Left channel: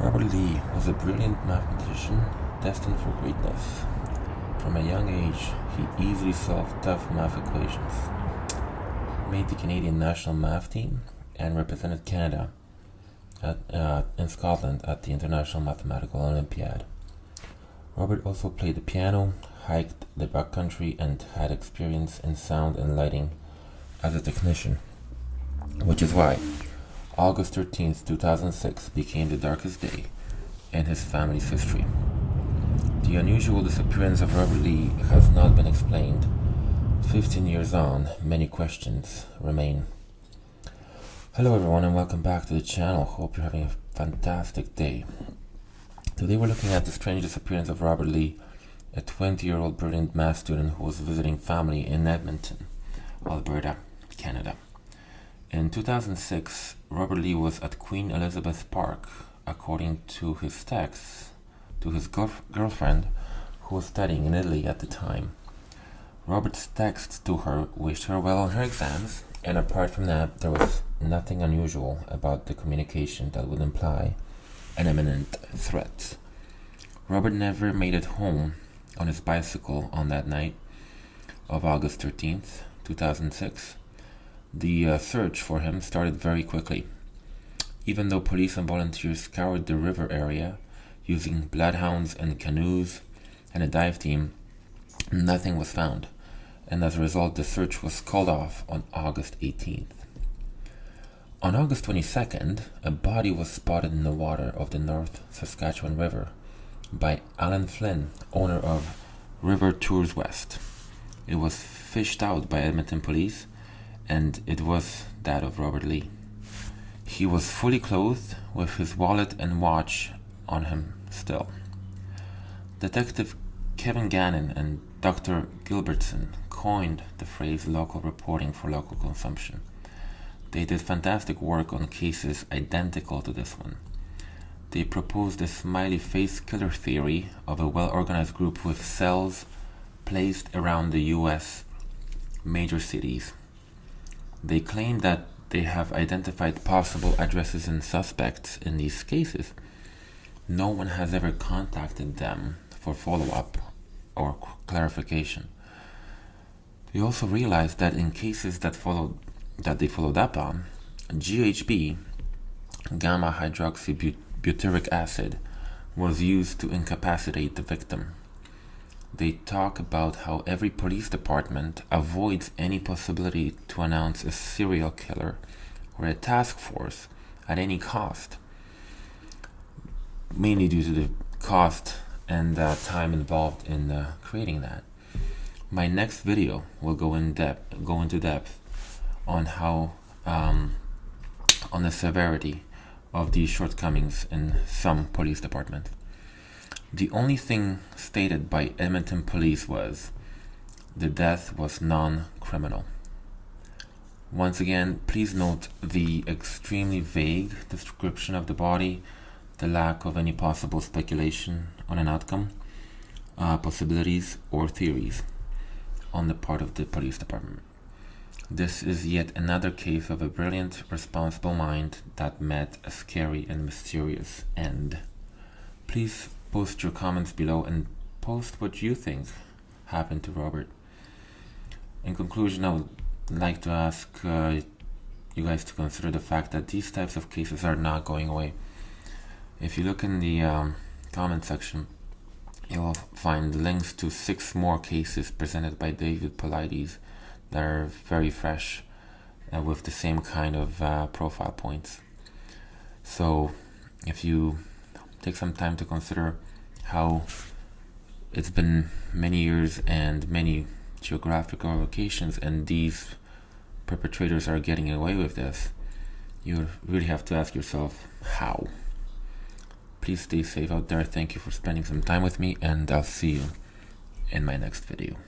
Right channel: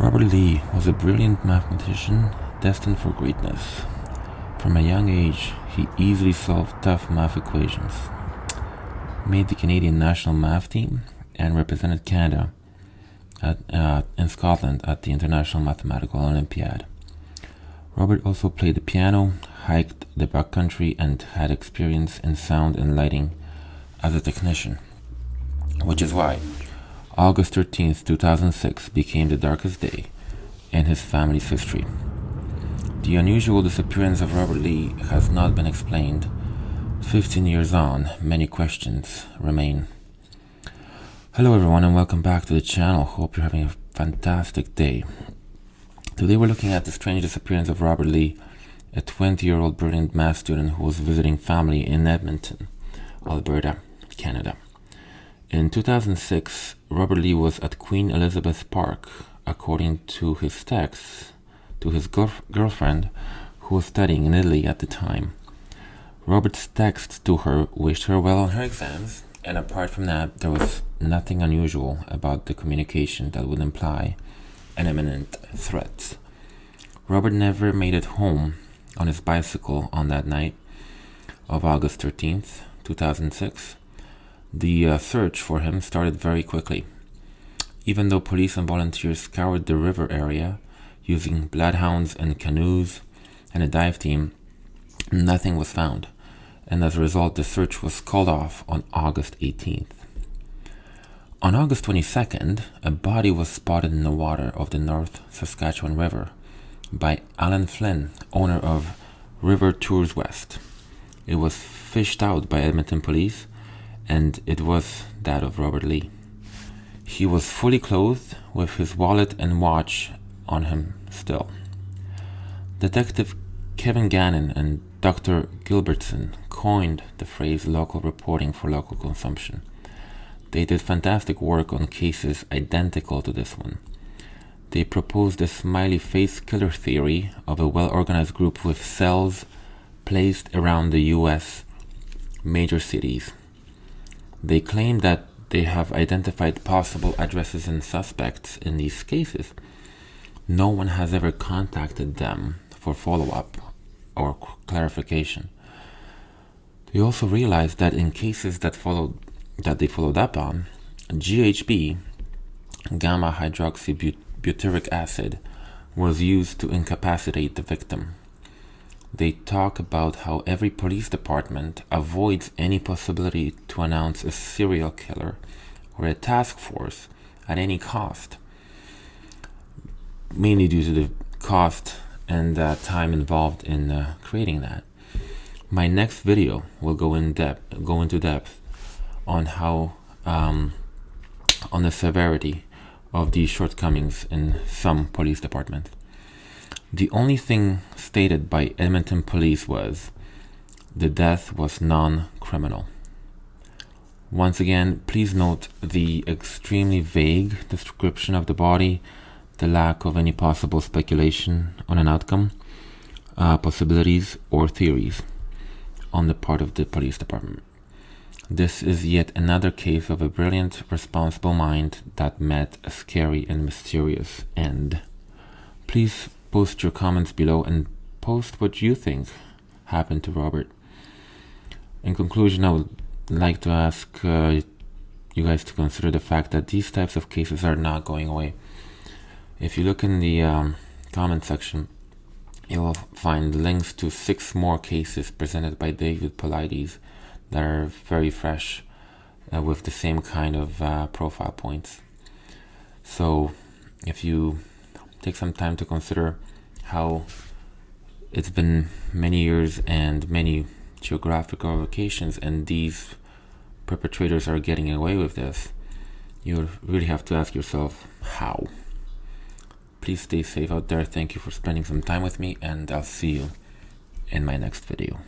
Robert Leigh was a brilliant mathematician destined for greatness. From a young age, he easily solved tough math equations, made the Canadian national math team, and represented Canada in Scotland at the International Mathematical Olympiad. Robert also played the piano, hiked the backcountry, and had experience in sound and lighting as a technician, which is why August 13th, 2006 became the darkest day in his family's history. The unusual disappearance of Robert Leigh has not been explained. 15 years on, many questions remain. Hello everyone and welcome back to the channel. Hope you're having a fantastic day. Today we're looking at the strange disappearance of Robert Leigh, a 20-year-old brilliant math student who was visiting family in Edmonton, Alberta, Canada. In 2006, Robert Leigh was at Queen Elizabeth Park, according to his texts to his girlfriend, who was studying in Italy at the time. Robert's texts to her wished her well on her exams, and apart from that, there was nothing unusual about the communication that would imply an imminent threat. Robert never made it home on his bicycle on that night of August 13th, 2006. The search for him started very quickly. Even though police and volunteers scoured the river area using bloodhounds and canoes and a dive team, nothing was found, and as a result the search was called off on August 18th. On August 22nd, a body was spotted in the water of the North Saskatchewan River by Alan Flynn, owner of River Tours West. It was fished out by Edmonton police, and it was that of Robert Leigh. He was fully clothed with his wallet and watch on him still. Detective Kevin Gannon and Dr. Gilbertson coined the phrase local reporting for local consumption. They did fantastic work on cases identical to this one. They proposed a smiley face killer theory of a well-organized group with cells placed around the US major cities. They claim that they have identified possible addresses and suspects in these cases. No one has ever contacted them for follow-up or clarification. They also realized that in cases that they followed up on, GHB, gamma hydroxybutyric acid, was used to incapacitate the victim. They talk about how every police department avoids any possibility to announce a serial killer or a task force at any cost, mainly due to the cost and time involved in creating that. My next video will go into depth on how on the severity of these shortcomings in some police departments. The only thing stated by Edmonton police was the death was non-criminal. Once again, please note the extremely vague description of the body, the lack of any possible speculation on an outcome, possibilities, or theories on the part of the police department. This is yet another case of a brilliant, responsible mind that met a scary and mysterious end. Please post your comments below and post what you think happened to Robert. In conclusion, I would like to ask you guys to consider the fact that these types of cases are not going away. If you look in the comment section, you will find links to 6 more cases presented by David Paulides that are very fresh with the same kind of profile points. So if you take some time to consider how it's been many years and many geographical locations and these perpetrators are getting away with this, you really have to ask yourself how. Please stay safe out there. Thank you for spending some time with me, and I'll see you in my next video.